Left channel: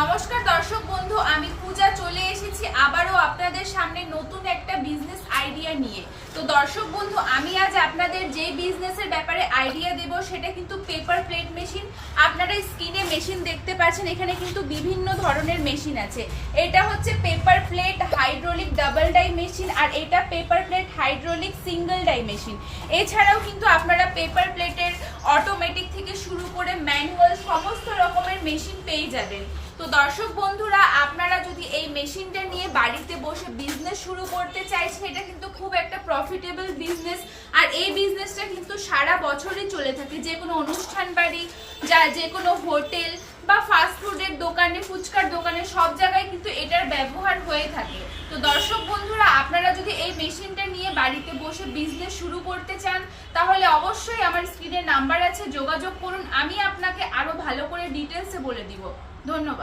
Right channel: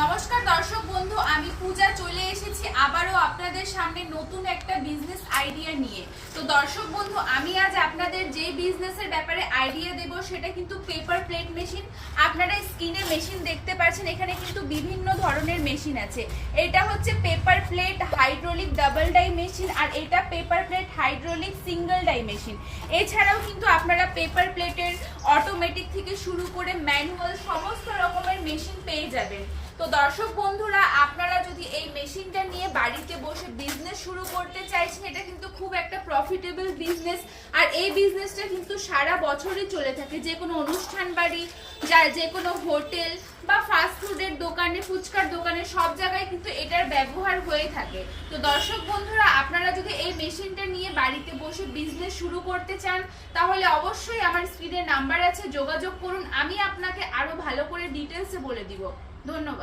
নমস্কার দর্শক বন্ধু, আমি পূজা চলে এসেছি আবারও আপনাদের সামনে নতুন একটা বিজনেস আইডিয়া নিয়ে। তো দর্শক বন্ধু, আমি আজ আপনাদের যে বিজনেসের ব্যাপারে আইডিয়া দেব সেটা কিন্তু পেপার প্লেট মেশিন। আপনারা স্ক্রিনে মেশিন দেখতে পাচ্ছেন, এখানে কিন্তু বিভিন্ন ধরনের মেশিন আছে। এটা হচ্ছে paper plate hydraulic double die machine, আর এটা paper plate hydraulic single die machine. এছাড়াও কিন্তু আপনারা পেপার প্লেটের অটোমেটিক থেকে শুরু করে ম্যানুয়াল সমস্ত রকমের মেশিন পেয়ে যাবেন। তো দর্শক বন্ধুরা, আপনারা যদি এই মেশিনটা নিয়ে বাড়িতে বসে বিজনেস শুরু করতে চাইছেন, এটা কিন্তু খুব একটা প্রফিটেবল বিজনেস। আর এই বিজনেসটা কিন্তু সারা বছরই চলে থাকে। যে কোনো অনুষ্ঠান বাড়ি, যে কোনো হোটেল বা ফাস্ট ফুডের দোকানে, ফুচকার দোকানে, সব জায়গায় কিন্তু এটার ব্যবহার হয়ে থাকে। তো দর্শক বন্ধুরা, আপনারা যদি এই মেশিনটা নিয়ে বাড়িতে বসে বিজনেস শুরু করতে চান, তাহলে অবশ্যই আমার স্ক্রিনে নাম্বার আছে, যোগাযোগ করুন। আমি আপনাকে আরো ভালো করে ডিটেলসে বলে দিব। ধন্যবাদ।